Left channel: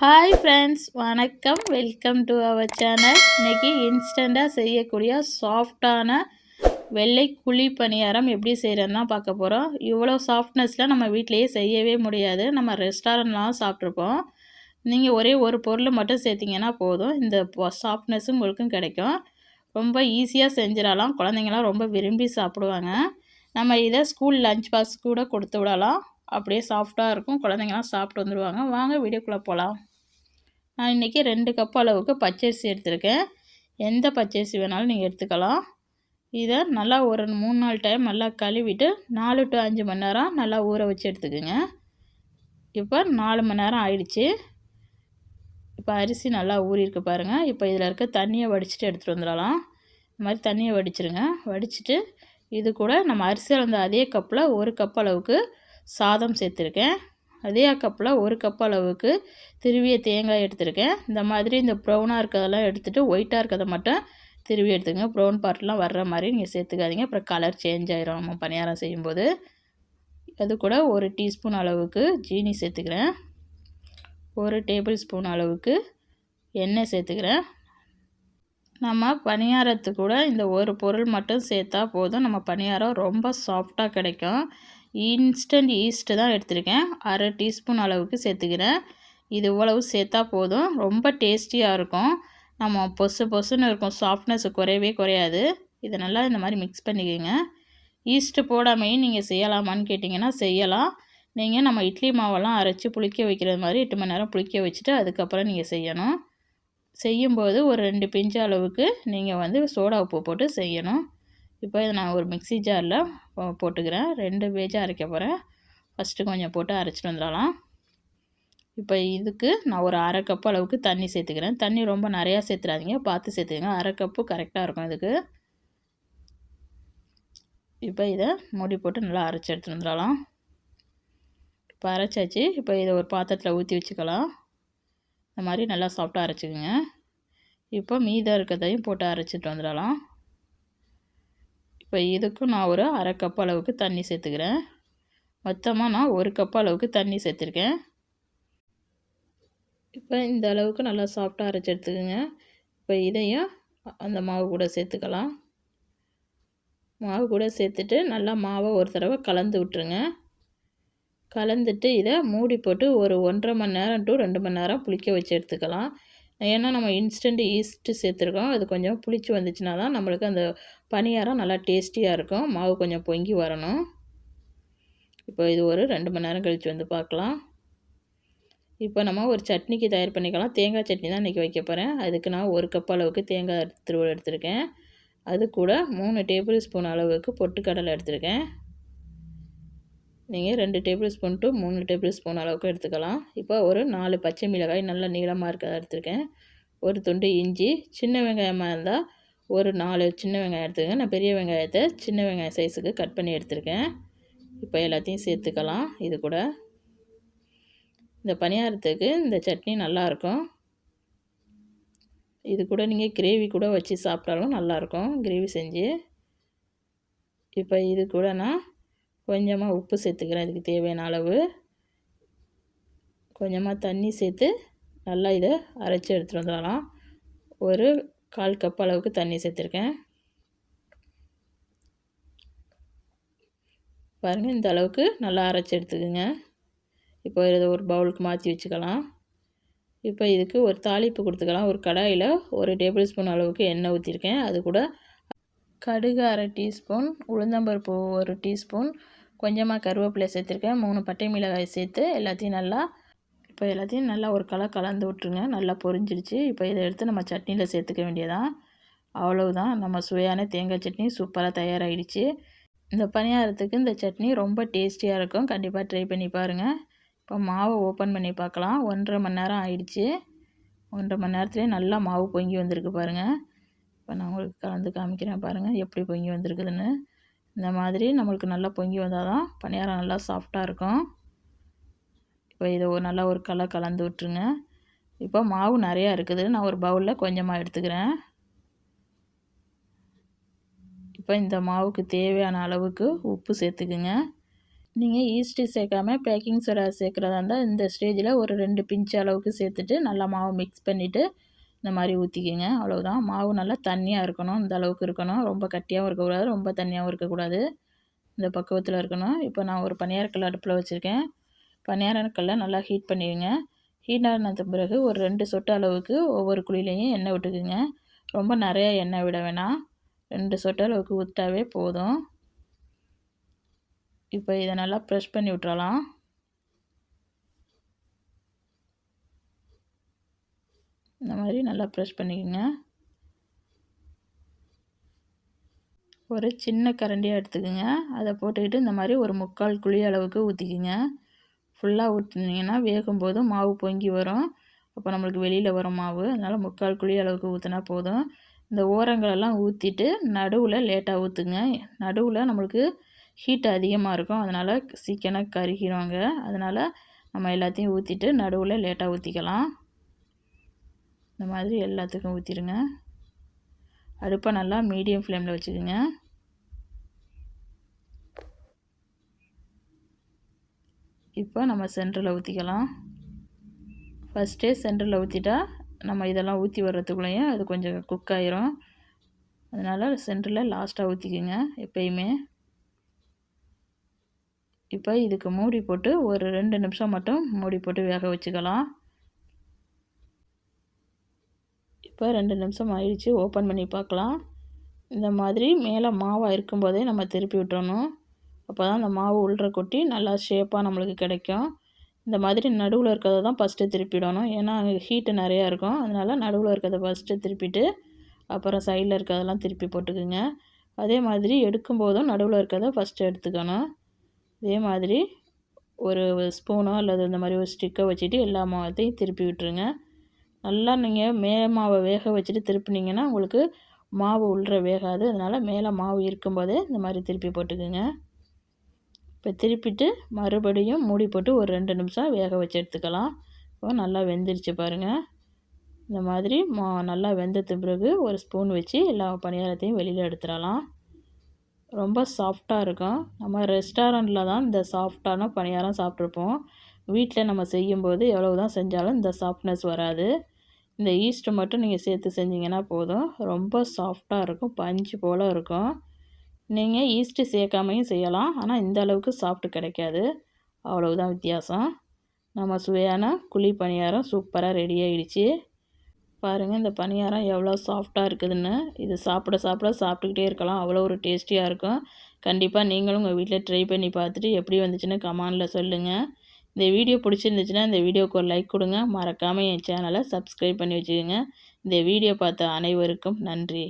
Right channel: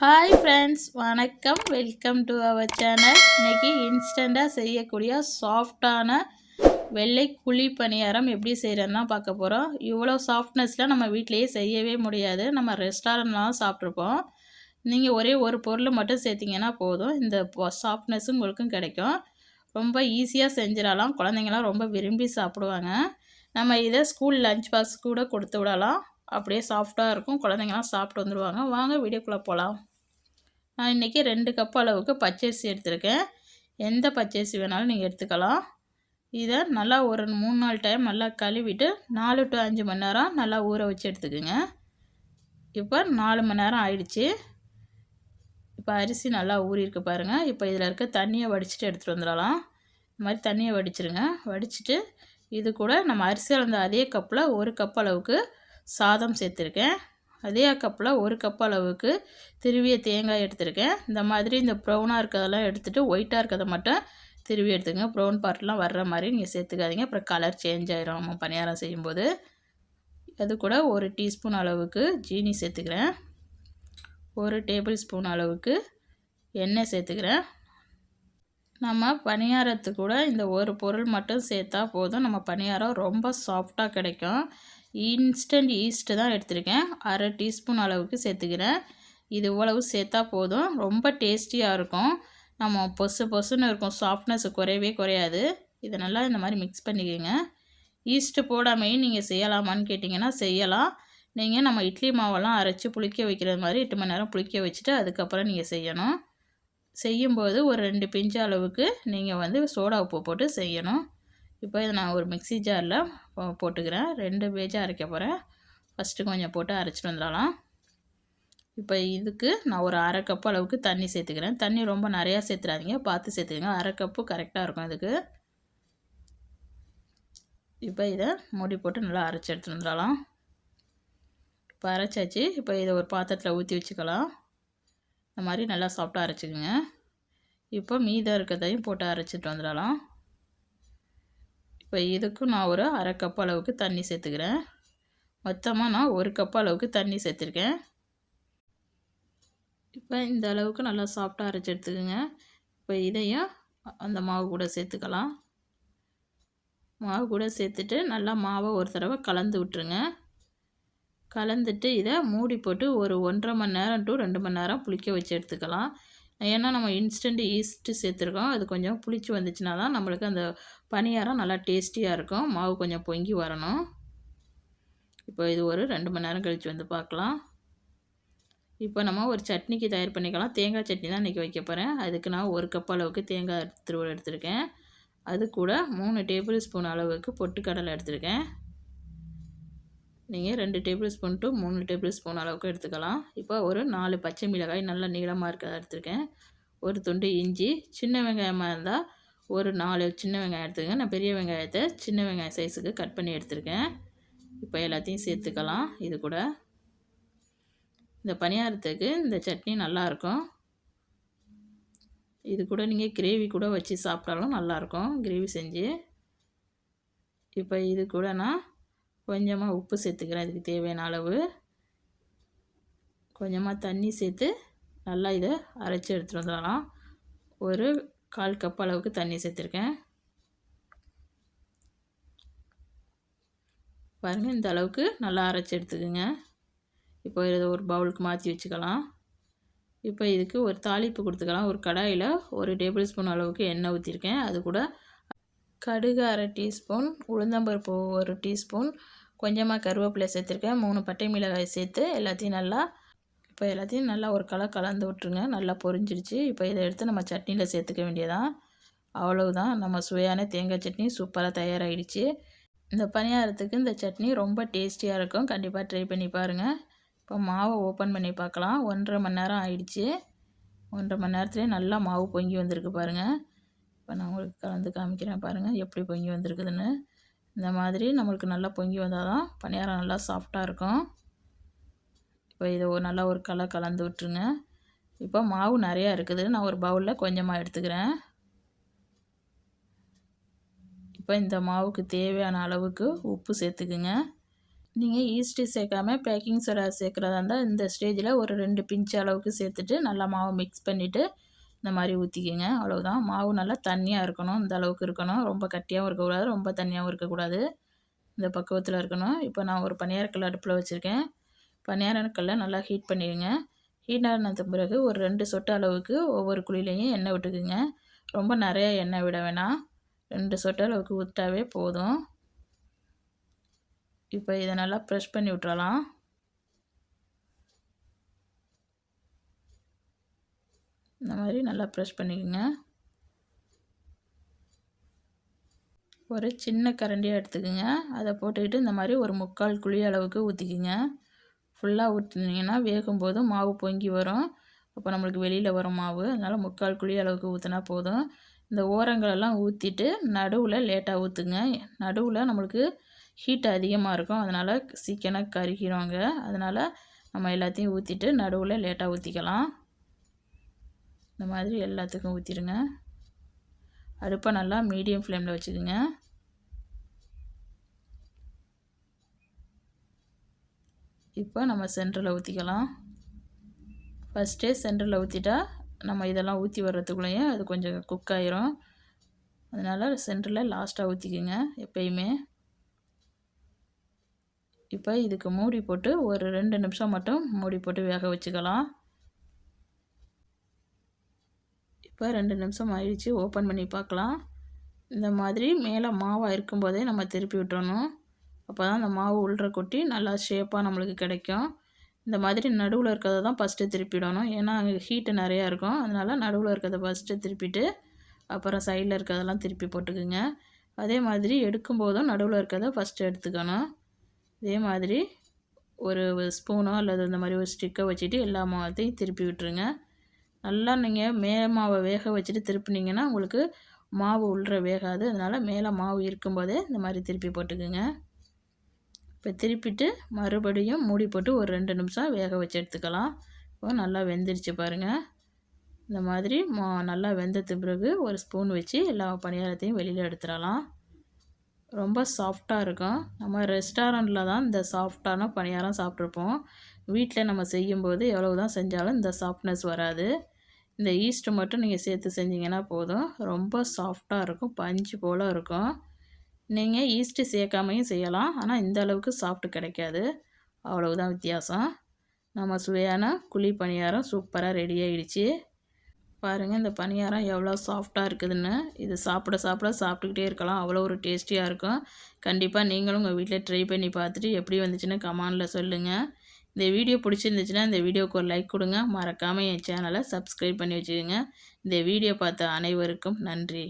Hi friends, வணக்கம். Welcome to our channel. இன்றைக்கி இன்ஸ்டண்ட்டாக செய்யக்கூடிய சாஃப்டான வெள்ளை குழி பணியாரம் எப்படி செய்கிறதுன்னு தான் பார்க்க போகிறோம். இவ்வளோ சாஃப்ட்னஸில் நம்ம வீட்டிலையே செய்யவே முடியாது. நம்ம ரெஸ்டாரண்ட்லாம் சாப்பிட்ருப்போம். நீங்கள் ஒரே ஒரு பொருள் மட்டும் சேர்த்திங்கன்னா போதும், இந்த சாஃப்ட்னஸும் உங்களுக்கும் கிடைக்கும். ரொம்ப ஈஸியாக செஞ்சிடலாம். குழந்தைங்களாம் ரொம்ப விரும்பி சாப்பிடுவாங்க. நம்ம இதை ஸ்கூல் லஞ்ச் பாக்ஸ் கூட கொடுத்து விடலாம். அப்படியே சாஃப்டாக இருக்கும். குழந்தைங்களாம் சாப்பிட்டு வந்துடுவாங்க. வாங்க வீடியோக்குள்ளே போகலாம். நான் இன்றைக்கி 2 கப் அளவுக்கு பச்சரிசி எடுத்திருக்கேன். எந்த பச்சரிசி வேணாலும் நீங்கள் எடுத்துக்கலாம். இதை நல்லா ஒரு 3-4 டைம் நல்லா கழுவிட்டு 4 to 5 மணி நேரம் நல்லா ஊற வச்சு எடுத்துக்கோங்க. இப்போ 4 மணி நேரம் ஆயிடுச்சு. இப்போ அரிசி நல்லா ஊறியிருக்கு பாருங்கள். இப்போ இதில் இருக்க தண்ணியை வடிச்சிட்டு எடுத்துகிட்டு வந்துடலாம். இந்த மாதிரி தண்ணியை வடிச்சிருங்க. வடிச்சிட்டு இது கூட நம்ம அரிசி அளந்த அதே கப்பில் 1 கப் அளவுக்கு சாதம் சேர்த்துருக்கேன். அதே கப்பில் 1 கப் அளவுக்கு திருவிய தேங்காய் எடுத்துருக்கேன். இந்த மாதிரி இந்த ப்ரௌனாக இருக்கிறதெல்லாம் எடுத்துகிட்டு ஒயிட்டாக இருக்கிறத மட்டும் திருவி எடுத்துங்க. ப்ரௌன் பார்ட்லாம் வர்ற மாதிரி நீங்கள் சேர்த்துக்காதீங்க, அப்புறம் கலர் சேஞ்ச் ஆயிரும் நம்ம பணியாரம் செய்யும்போது. அது கூட 1 டீஸ்பூன் அளவுக்கு ஜீனி சேர்த்துக்கிறேன். 1 டேபிள் ஸ்பூன் அளவுக்கு எண்ணெய் சேர்த்துக்கிறேன். நம்ம பணியாரத்துக்கு கூட இந்த ஒரு பொருள் மட்டும் சேர்த்தா போதும், நம்ம பணியாரம் ரொம்ப சாஃப்டாக கிடைக்கும். இன்ஸ்டன்ட் ஈஸ்ட்டு தான் எடுத்திருக்கேன். 1/2 டீஸ்பூன் அளவுக்கு சேர்த்துக்கிறேன். இது இவ்வளவு சேர்த்தா போதும், ரொம்ப டேஸ்டியாக இருக்கும். நம்ம பொசுன்னு இருக்கும், சாஃப்ட்னஸ் குறையவே குறையாது. இதை நல்லா இந்த மாதிரி மிக்ஸ் பண்ணிக்கோங்க. ஈஸ்ட்டு போடாமையும் நீங்கள் செய்யலாமான்னு கேட்டிங்கன்னா செய்யலாம். நீங்கள் நம்ம இட்லி மாவெல்லாம் அரைச்சி புளிக்க வைக்கிறது மாதிரி 8 மணி நேரம் புளிக்க வச்சுட்டு அதுக்கப்புறம் நீங்கள் செய்யணும். செய்யும்போது ஒரு 2 பிஞ்சு அளவுக்கு நீங்கள் சோடா உப்பு போட்டு செய்யணும். இப்போ இதை நான் ஒரு மிக்ஸி ஜாரில் போட்டுக்கிறேன். 2 பேஜாக அரைக்க போகிறேன். ஃபஸ்ட்டு கொஞ்சம் போட்டு அரைச்சிட்டு வந்துடலாம். இப்போ இதுக்கு நான் ஒரு 1/2 கப் அளவுக்கு தண்ணி சேர்த்துக்கிறேன். தண்ணி ரொம்ப நிறையா சேர்த்துறாதீங்க, பார்த்து சேர்த்துக்கங்க. 1/2 கப்பு கரெக்டாக இருக்கும் இதுக்கு. இப்போ இதை மூடி போட்டு நல்லா அரைச்சி எடுத்துகிட்டு வந்துடலாம். இப்போ அரைச்சாச்சு. இப்போ இதை ஒரு பாத்திரத்தில் ஊற்றி வச்சுக்கலாம். இந்த மாதிரி நல்லா சாஃப்டாக அரைச்சிக்கோங்க. இப்போ மீதம் இருக்கிறதையும் போட்டு அரைச்சிட்டு வந்துடலாம். இப்போ இதுக்கும் நான் ஒரு 1/2 கப் அளவுக்கு தண்ணி சேர்த்துக்கிறேன். மொத்தமாக நான் 1 கப் அளவுக்கு தண்ணி சேர்த்துருக்கேன். இப்போ இந்த அளவுக்கு நல்லா சாஃப்டாக அரைச்சி எடுத்துக்கோங்க. இப்போ இதையும் அந்த மாவு கூட சேர்த்துக்கலாம். மாவு கூட சேர்த்துட்டு நல்லா மாவை ஒரு தடவை கலந்து விட்டுருங்க. கலந்துட்டு இதை மூடி போட்டு ஒரு 1.5 மணி நேரம் to 2 மணி நேரம் புளிக்க வச்சு எடுத்துக்கலாம். ஏன்னா நம்ம இன்ஸ்டன்ட் ஈஸ்ட்டு சேர்த்துருக்கோம். அது கொஞ்சம் புளிச்சு வந்துச்சுன்னா தான் நம்மளுக்கு அந்த பணியாரம் நல்லா டேஸ்டியாக இருக்கும். மாவு கொஞ்சம் பொங்கி வரணும். இப்போ இது ஒரு 2 மணி நேரம் கழித்து வந்து பார்க்கலாம். இப்போ நம்ம ஒரு சட்னிக்கு தயார் பண்ணிக்கலாம். தேங்காய் சட்னி தான் இன்றைக்கி வைக்க போகிறேன். அதுக்கு நான் 1 கப் அளவுக்கு தேங்காய் துருவல் எடுத்திருக்கேன். அது கூட 3 டேபிள் ஸ்பூன் அளவுக்கு பொட்டுக்கடலை எடுத்திருக்கேன். நீங்கள் 2 table spoon to 3 table spoon அளவுக்கு எடுத்துக்கலாம். இப்போ ஒரு 4 பச்சை மிளகாய் நல்லா நீளமாக இருக்கிறத எடுத்துருக்கேன். ஒரு துண்டு இஞ்சி, சின்ன வெங்காயமாக இருந்தால் ஒரு 4 சின்ன வெங்காயம் எடுத்துக்கங்க. நான் பெரிய வெங்காயத்தை சின்ன வெங்காயம் சைஸுக்கு கட் பண்ணி எடுத்திருக்கேன். இப்போ எல்லாத்தையும் சேர்த்துக்கலாம். இது கூட இந்த பணியாரத்துக்கு இந்த சட்னி நல்லாயிருக்கும். இது கூட நீங்கள் கிரேவி கூட வச்சு சாப்பிட்டாலும் நல்லாயிருக்கும், கிரேவி செஞ்சு. இப்போ இது கூட நான் கொஞ்சமாக உப்பு சேர்த்துக்கிறேன். இதுக்கு தேவையான அளவு. கொஞ்சமாக தண்ணி சேர்த்து நல்லா இதை அரைச்சி எடுத்துகிட்டு வந்துடலாம். ஒரு 1/4 கப் அளவுக்கு தண்ணி சேர்த்துருக்கேன். பாருங்கள், இந்த அளவுக்கு நல்லா அரைச்சி எடுத்துக்குங்க. இப்போ இதை ஒரு பவுலுக்கு மாற்றி வச்சுக்கலாம். இப்போ இதுக்கு ஒரு தாளிப்பு கொடுத்துக்கலாம். ஒரு கடாயில் 1 டேபிள் ஸ்பூன் அளவுக்கு எண்ணெய் ஊற்றிருக்கேன். அது கூட கடுகு 1/2 டீஸ்பூன், உளுந்தம்பருப்பு 1 டீஸ்பூன், கொஞ்சமாக கருவேப்பிலை சேர்த்துருக்கேன். 3 பட்டை மிளகாய் சேர்த்து எல்லாத்தையும் நல்லா ஒரு கலந்து விட்டுருங்க. நல்லா பொரிஞ்சிடுச்சு. இப்போ இதை எடுத்து நம்ம சட்னியில் சேர்த்துக்க வேண்டியதான். அவ்வளவுதான், நம்ம சுவையான தேங்காய் சட்னி சூப்பராக தயாராகிடுச்சு. இந்த பணியாரத்துக்கு இந்த சட்னி ரொம்ப டேஸ்டியாக இருக்கும். கண்டிப்பாக ட்ரை பண்ணி பாருங்கள். இப்போ மாவை ஓப்பன் பண்ணி பார்க்கலாம். 1.5 மணி நேரம் ஆயிடுச்சு. 1.5 மணி நேரத்துலேயே நல்லா மாவு பொங்கி வந்திருக்கு பாருங்கள். இப்போ நான் உங்களுக்கு கலந்து காமிக்கிறேன் பாருங்கள் எப்படி பொங்கி வந்திருக்குதுன்னு. இந்த மாதிரி நம்மளுக்கு நல்லா பொங்கி வந்தால் தான் பணியாரம் நல்லா சாஃப்டாக இருக்கும். இப்போ இதை நல்லா ஒரு கலந்து விட்டுருங்க. இப்போ மாவு நிறையா இருக்குது. நான் ஒரு பவுலில் கொஞ்சமாக எடுத்துக்கிறேன். இப்போ இந்த மாவுக்கு தேவையான அளவுக்கு உப்பு சேர்த்துக்குங்க. நீங்கள் ஈஸ்ட்டு சேர்க்காம பேக்கிங் சோடா சேர்க்குறதா இருந்தால் இந்த ஸ்டேஜில் ஒரு 2 பிஞ்ச் அளவுக்கு சேர்த்துட்டு நல்லா மாவு மிக்ஸ் பண்ணிவிட்டு இந்த மாதிரி ஊற்றிக்கிங்க. அவ்வளோதான். மாவு நல்லா தண்ணியாக இருக்கணும். இந்த அளவுக்கு இருக்கணும். ரொம்ப கட்டியாகவும் இருக்கக்கூடாது, ரொம்ப தண்ணியாகவும் இருக்கக்கூடாது. இந்த பக்குவத்தில் இருக்கணும். இப்போ நான் ஒரு பணியாரக்கல் அடுப்பில் வச்சுருக்கேன். பணியாரக்கல்லை நல்லா ஹீட் பண்ணிடுங்க. ஹீட் ஆனது பிறகு ஒரு 2 சொட்டு அளவுக்கு ஒவ்வொரு குழியிலையும் எண்ணெய் விட்டுக்குங்க. ரொம்ப நிறையா எண்ணெய் விட வேணாம். 2 சொட்டு அளவுக்கு ஊற்றிட்டாவே போதும். இப்போ இதை நல்லா ப்ரெஷ் பண்ணி விட்டுறலாம். இந்த மாதிரி நல்லா ப்ரெஷ் பண்ணிக்கோங்க. ஒரு சின்ன கரண்டியாக எடுத்துக்கோங்க. அதை போட்டுக்கிட்டு இந்த மாதிரி ஒரு 3/4 குழி அளவுக்கு ஊற்றிக்கிங்க. ஃபுல்லாக ஊற்றினீங்கன்னா வேகும்போது மாவு பொங்கி வரும். அப்போ நம்மளுக்கு வெளியில் வரும் மாவு. அதனால் 3/4 குழி அளவுக்கு ஊற்றினா போதும். இந்த ஓரங்களெல்லாம் ஊற்றிட்டு நடுவில் லேட்டாக ஊற்றுங்க. நடுவில் நம்மளுக்கு ஹீட் அதிகமாக இருக்கும். அதனால் சீக்கிரம் கருகிடுவாங்க. அதனால் நம்ம எல்லாத்தையும் ஊற்றிட்டு நடுவில் லேட்டாக ஊற்றிக்கலாம். இந்த மாதிரி எல்லாத்துக்கும் ஊற்றிடுங்க. அடுப்பை நல்லா மீடியம் ஃப்ளேமில் வச்சுக்கோங்க. இப்போ நம்ம சென்டரில் ஊற்றிக்கலாம். ஃபஸ்ட்டே சென்டரில் ஊற்றிட்டா நம்ம இதெல்லாம் ஊற்றி வர்றதுக்குள்ளேயும் அது கொஞ்சம் குக் ஆயிரும். அதனால் சென்டரில் லாஸ்ட்டாக ஊற்றிக்கோங்க எப்பயுமே. இப்போ இதுக்கு மூடி போட்டு ஒரு 2 நிமிஷம் மட்டும் மூடி போட்டு வேக வச்சுக்கலாம். இப்போ 2 நிமிஷம் ஆயிடுச்சு. ஓப்பன் பண்ணி பார்க்கலாம். இந்த மாதிரி மேலே மாவாக இருக்கும்போதே நம்ம திருப்பி விட்டுறணும். அப்போ தான் அந்த மாவு உள்ற கொட்டி நல்லா ஷேப்பாக நம்மளுக்கு கிடைக்கும். இந்த மாதிரி நடுவில் இருக்கிறத தான் ஃபஸ்ட்டு திருப்பிடணும். ஏன்னா ஹீட்டு நிறையா இருக்கும். அதனால் நடுவில் இருக்கிறத ஃபஸ்ட்டு திருப்பிட்டு அப்புறம் சைடில் இருக்கிறதெல்லாம் திருப்பி போட்டுக்குங்க. அதே மாதிரி எடுக்கும்போதும் நடுவில் இருக்கிறத ஃபஸ்ட்டு எடுத்துக்கணும். இதே மாதிரி ஒரு ஸ்பூனோ அல்லது இந்த மாதிரி ஒரு ஸ்டிக்கை வச்சுட்டு எல்லா மாவத்தையும் திருப்பி விட்டுருங்க. நல்லா நீங்கள் மேலே மாவை வேக வச்சுட்டு திருப்பினீங்கன்னா உங்களுக்கு மாவு உள்ற வேகாது. அதனால் மேலே மாவு இருக்கும்போதே இந்த மாதிரி திருப்பி போட்டுக்குங்க. இப்போ திருப்பிட்டு மறுபடியும் மூடி போட்டு ஒரு 2 நிமிஷம் வேக வச்சு எடுத்துக்கலாம். இப்போ நல்லா வெந்துருச்சு பாருங்கள். இந்த மாதிரி நல்லா வெந்தது பிறகு ஒரு ஸ்பூன் வச்சு எல்லா பணியாரத்தையும் வெளியில் எடுத்துடலாம். ரொம்ப சாஃப்டாக இருக்கும். நம்ம ரெஸ்டாரண்ட்டில் தான் இந்த சாஃப்டான பணியாரம் சாப்பிட்ருப்போம். வீட்டில் நம்ம செய்யும்போது எவ்வளோ தான் செஞ்சாலும் இந்த சாஃப்ட்னஸ் வராது. இந்த ஈஸ்ட்டு மட்டும் நீங்கள் சேர்த்து செஞ்சிங்கன்னா போதும். ரொம்ப சாஃப்டாக இருக்கும். பஞ்சு போல் இருக்கும். நீங்கள் ஈஸ்ட்டு சேர்க்காமையும் செய்யலாம். ஆனால் இந்த அளவுக்கு சாஃப்ட்டு கிடைக்காது. அவ்வளவுதான் வித்தியாசம். நம்ம சுவையான குழி பணியாரம் சூப்பராக ரெடி ஆகிடுச்சு. பாருங்கள் இந்த பணியாரம் எவ்வளோ சாஃப்டாக இருக்குதுன்னு. இது சாப்பிட்டுக்கிட்டே இருக்கலாம். அவ்வளோ ஒரு டேஸ்டியாக இருக்கும். கண்டிப்பாக நீங்களும் உங்கள் வீட்டில் ட்ரை பண்ணி பார்த்துட்டு எப்படி வந்துச்சுன்னு கமெண்டில் சொல்லுங்கள். இந்த வீடியோ பிடிச்சிருந்துச்சுன்னா இந்த வீடியோவுக்கு ஒரு லைக் கொடுங்க. மறக்காமல் என் சேனலை சப்ஸ்கிரைப் பண்ணி வச்சுக்கோங்க. இந்த வீடியோ பார்த்த அனைவருக்கும் நன்றி.